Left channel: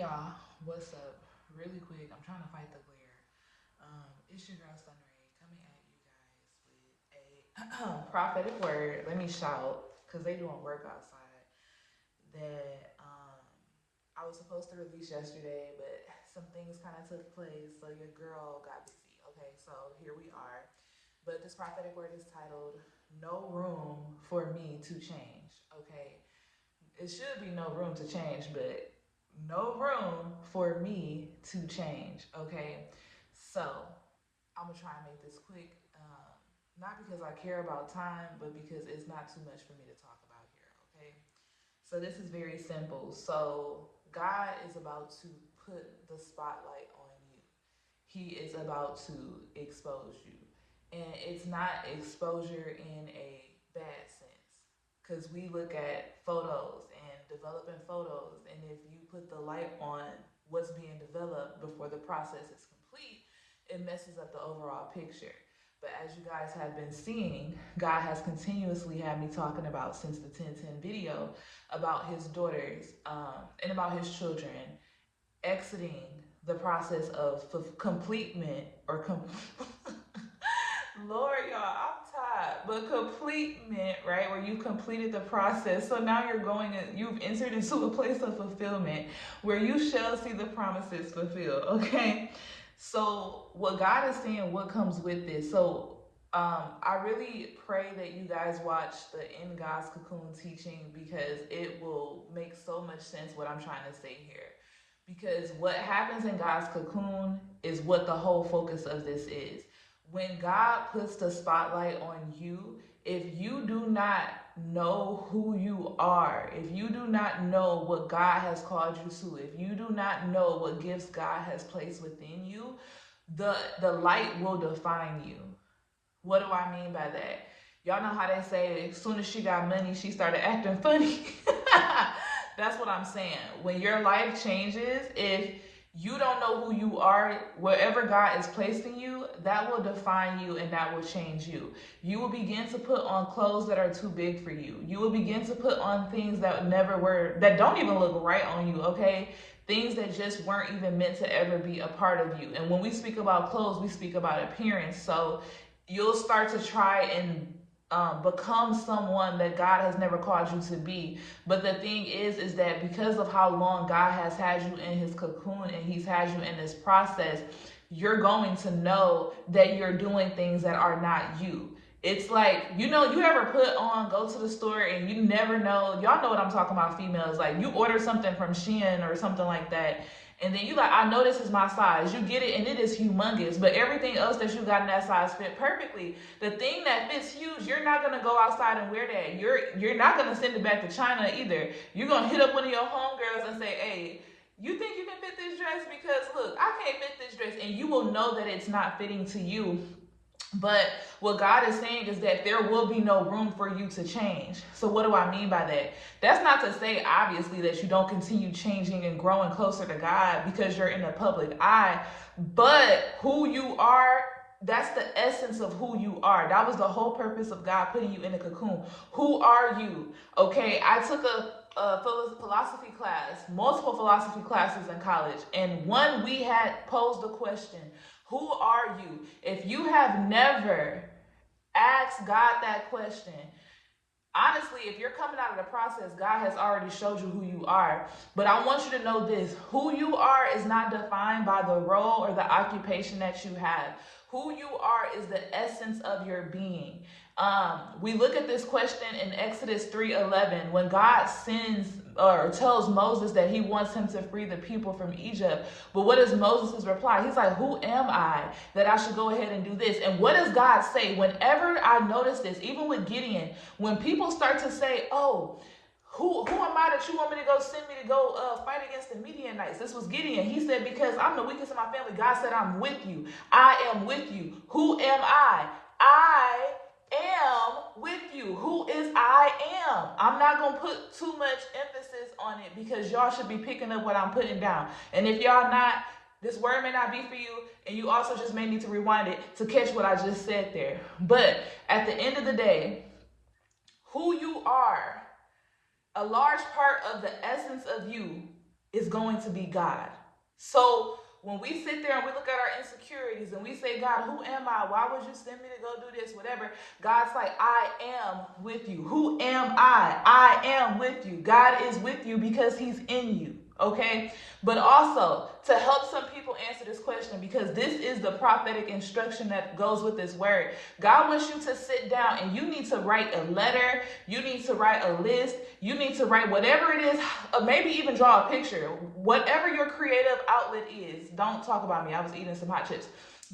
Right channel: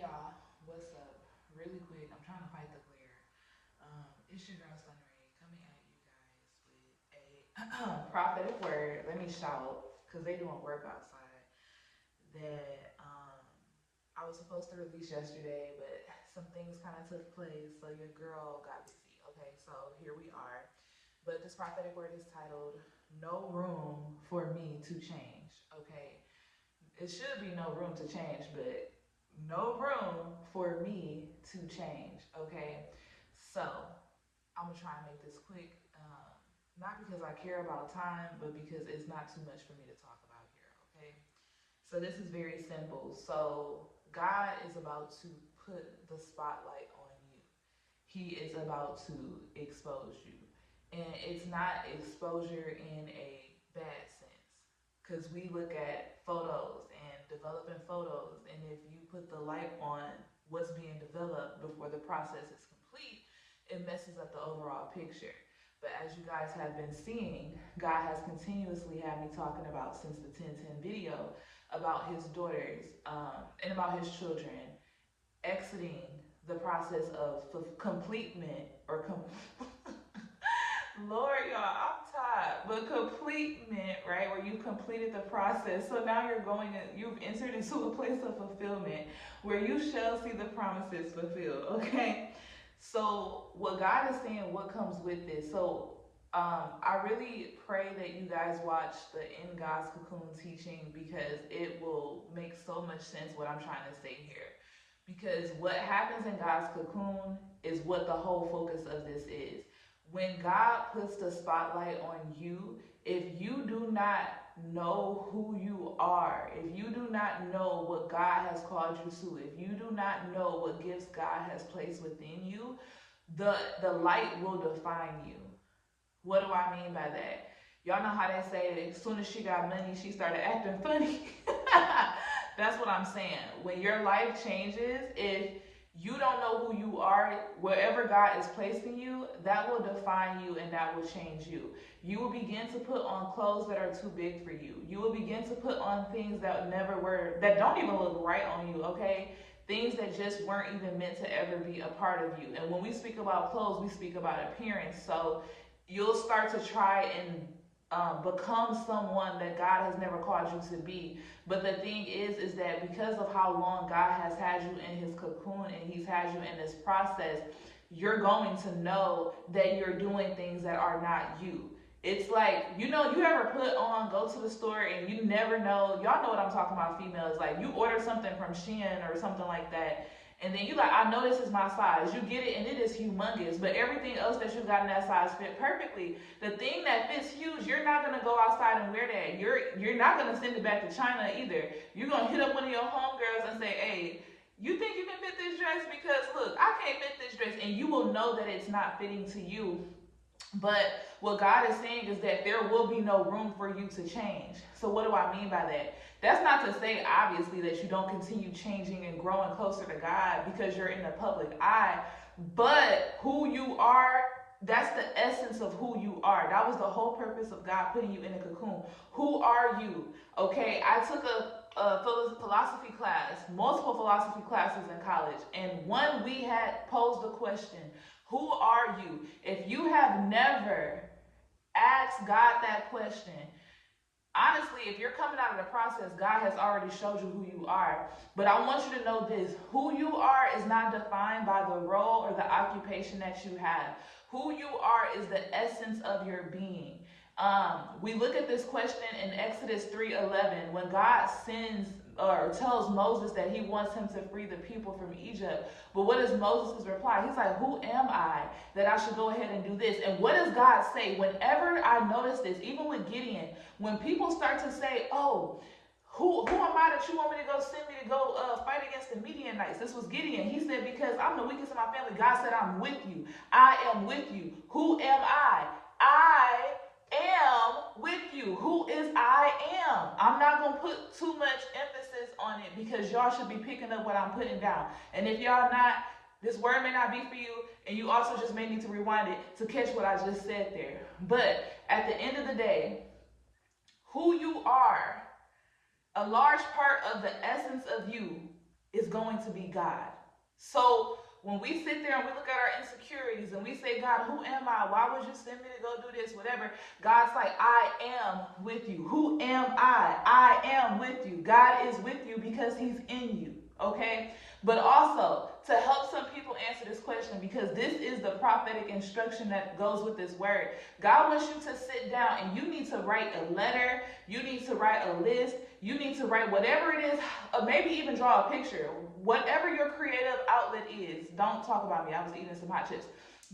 Hey y'all, what's up? Really quick, I'm trying to fight the glare. It's your girl Sun Ray coming at you guys with a prophetic word. Let me shout because they doing work outside that I was supposed to release yesterday, but some things kind of took place, so your girl got busy. Okay, so here we are. But this prophetic word is titled "No Room for Me to Change." Okay, it should be no room to change, but no room for me to change. Okay, so I'm gonna try and make this quick. Not because I care about time, but because it's not too much for me to talk about here. Okay, so this is very simple. So God is about to put the spotlight on you. He is about to expose you, and it's not exposure in a bad sense, because we look at photos and developing photos, and if you put the light on what's being developed before the process is complete, it messes up the overall picture. But as you guys have been seeing, God has continuously had me talking about since the 1010 video about his daughters and about his children exiting the process of completement or Lord, y'all, I'm tired. But completement, right, where you completed the process. So now you've entered into a place of fulfillment where you shall see the promises fulfilled, okay? So what God is saying, what comes with this? So I really pray that you guys watch the In God's Cocoon teaching, because it will make so much sense what I'm trying to say here. Because what happens in God's cocoon is what the whole focus of this is. When God puts the spotlight on you, if you do not know who you are, if you do not know what God has called you to, if you do not know what gifts God has placed within you, the light will define you. What do I mean by that? Y'all know how they say as soon as she got money, she started acting funny. That's what I'm saying. When your life changes, if you don't know who you are, wherever God is placing you, that will define you and that will change you. You will begin to put on clothes that are too big for you. You will begin to put on things that never were, that don't even look right on you, okay? Things that just weren't even meant to ever be a part of you. And when we speak about clothes, we speak about appearance. So you'll start to try and become someone that God has never called you to be. But the thing is that because of how long God has had you in his cocoon and he's had you in this process, you're going to know that you're doing things that are not you. It's like, you ever go to the store and you never know, y'all know what I'm talking about, females, like you order something from Shein or something like that, and then you like, I know this is my size. You get it and it is humongous, but everything else that you got in that size fit perfectly. The thing that fits huge, you're not gonna go outside and wear that. You're not gonna send it back to China either. You're gonna hit up one of your homegirls and say, hey, you think you can fit this dress? Because look, I can't fit this dress, and you will know that it's not fitting to you. But what God is saying is that there will be no room for you to change. So what do I mean by that? That's not to say, obviously, that you don't continue changing and growing closer to God because you're in the public eye. But who you are, that's the essence of who you are. That was the whole purpose of God putting you in a cocoon. Who are you? Okay, I took a philosophy class, multiple philosophy classes in college, and one we had posed the question, who are you? If you have never asked God that question, honestly, if you're coming out of the process, God has already showed you who you are. But I want you to know this: who you are is not defined by the role or the occupation that you have. Who you are is the essence of your being. We look at this question in Exodus 3:11 when God sends or tells Moses that he wants him to free the people from Egypt. But what is Moses' reply? He's like, who am I that I should go ahead and do this? And what does God say? Whenever I notice this, even with Gideon, when people start to say, oh, who am I that you want me to go send me to go fight against the Midianites? This was Gideon. He said, because I'm the weakest in my family. God said, I'm with you. I am with you. Who am I? I am with you. Who is I am? I'm not going to put too much emphasis on it because y'all should be picking up what I'm putting down. And if y'all not, this word may not be for you, and you also just may need to rewind it to catch what I just said there. But at the end of the day, who you are, a large part of the essence of you is going to be God. So when we sit there and we look at our insecurities and we say, God, who am I? Why would you send me to go do this? Whatever. God's like, I am with you. Who am I? I am with you. God is with you because he's in you. Okay? But also, to help some people answer this question, because this is the prophetic instruction that goes with this word. God wants you to sit down and you need to write a letter. You need to write a list. You need to write whatever it is, maybe even draw a picture. Whatever your creative outlet is. Don't talk about me. I was eating some hot chips.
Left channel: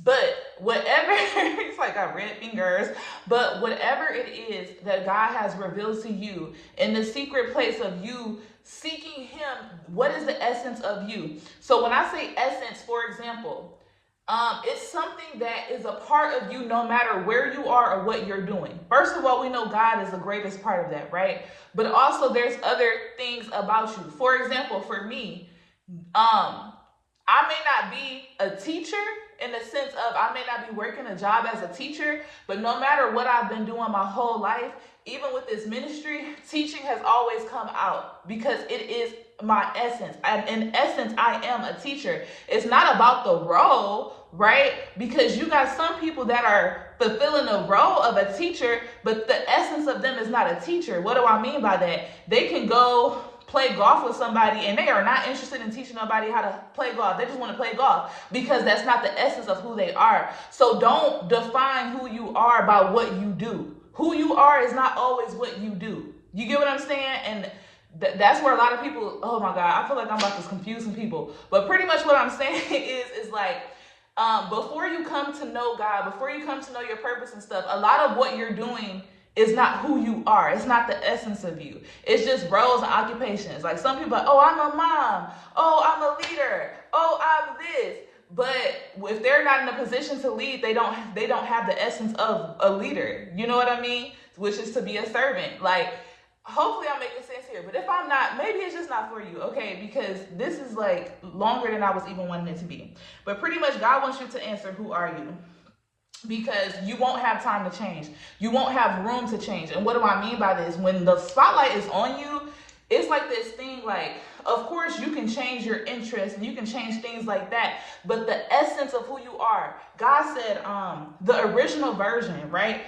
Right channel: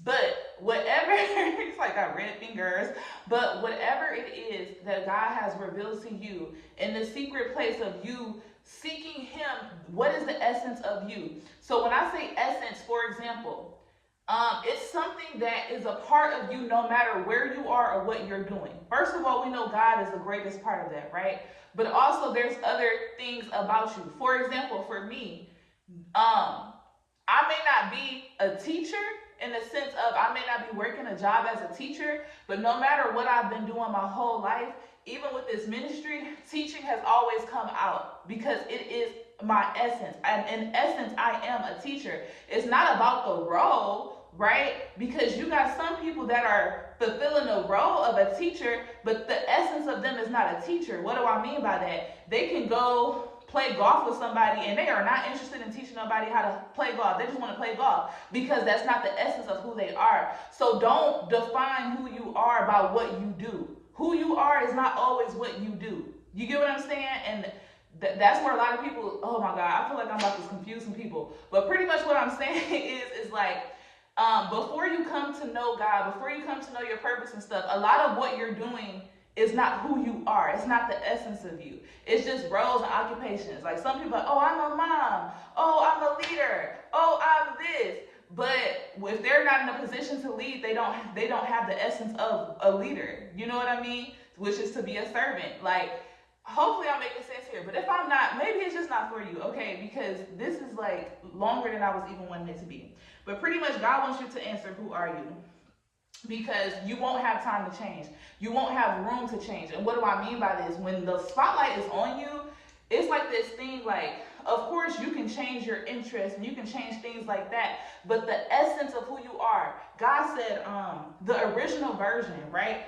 But whatever, it's like I got red fingers. But whatever it is that God has revealed to you in the secret place of you seeking him, what is the essence of you? So when I say essence, for example, it's something that is a part of you no matter where you are or what you're doing. First of all, we know God is the greatest part of that, right? But also there's other things about you. For example, for me, I may not be a teacher in the sense of I may not be working a job as a teacher, but no matter what I've been doing my whole life, even with this ministry, teaching has always come out because it is my essence. In essence, I am a teacher. It's not about the role, right? Because you got some people that are fulfilling the role of a teacher, but the essence of them is not a teacher. What do I mean by that? They can go play golf with somebody and they are not interested in teaching nobody how to play golf. They just want to play golf because that's not the essence of who they are. So don't define who you are by what you do. Who you are is not always what you do. You get what I'm saying? And that's where a lot of people, oh my God, I feel like I'm about to confuse some people. But pretty much what I'm saying is like, before you come to know God, before you come to know your purpose and stuff, a lot of what you're doing is not who you are. It's not the essence of you. It's just roles and occupations. Like some people are, oh, I'm a mom. Oh, I'm a leader. Oh, I'm this. But if they're not in a position to lead, they don't have the essence of a leader. You know what I mean? Which is to be a servant. Like, hopefully I'm making sense here. But if I'm not, maybe it's just not for you, okay? Because this is like longer than I was even wanting it to be. But pretty much God wants you to answer, who are you? Because you won't have time to change. You won't have room to change. And what do I mean by this? When the spotlight is on you, it's like this thing like, of course you can change your interests and you can change things like that, but the essence of who you are, God said, the original version, right?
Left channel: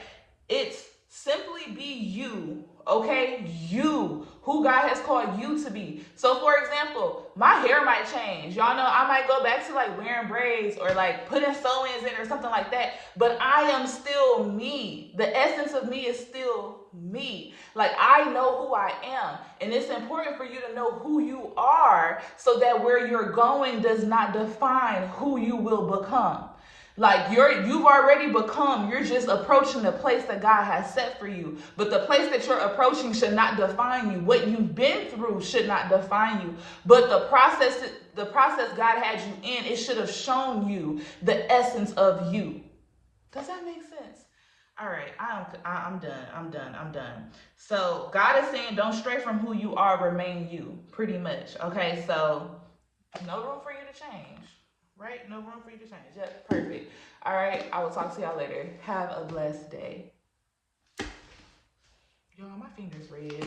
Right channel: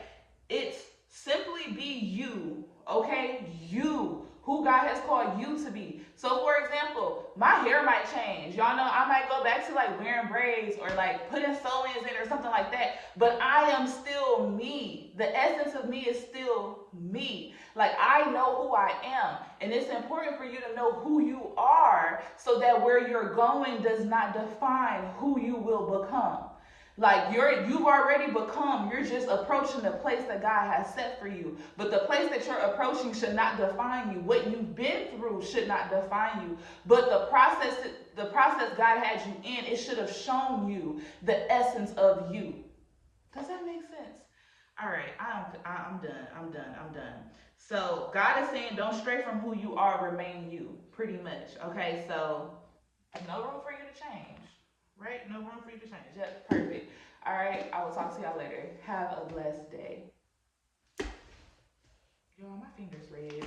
It's simply be you, okay? You, who God has called you to be. So for example, my hair might change. Y'all know I might go back to like wearing braids or like putting sew-ins in or something like that, but I am still me. The essence of me is still me. Like I know who I am, and it's important for you to know who you are so that where you're going does not define who you will become. Like you've already become, you're just approaching the place that God has set for you. But the place that you're approaching should not define you. What you've been through should not define you. But the process God had you in, it should have shown you the essence of you. Does that make sense? All right, I'm done. So God is saying, don't stray from who you are, remain you, pretty much. Okay, so no room for you to change. Right? No room for you to change. Yep, perfect. All right, I will talk to y'all later. Have a blessed day. Y'all, my finger's red.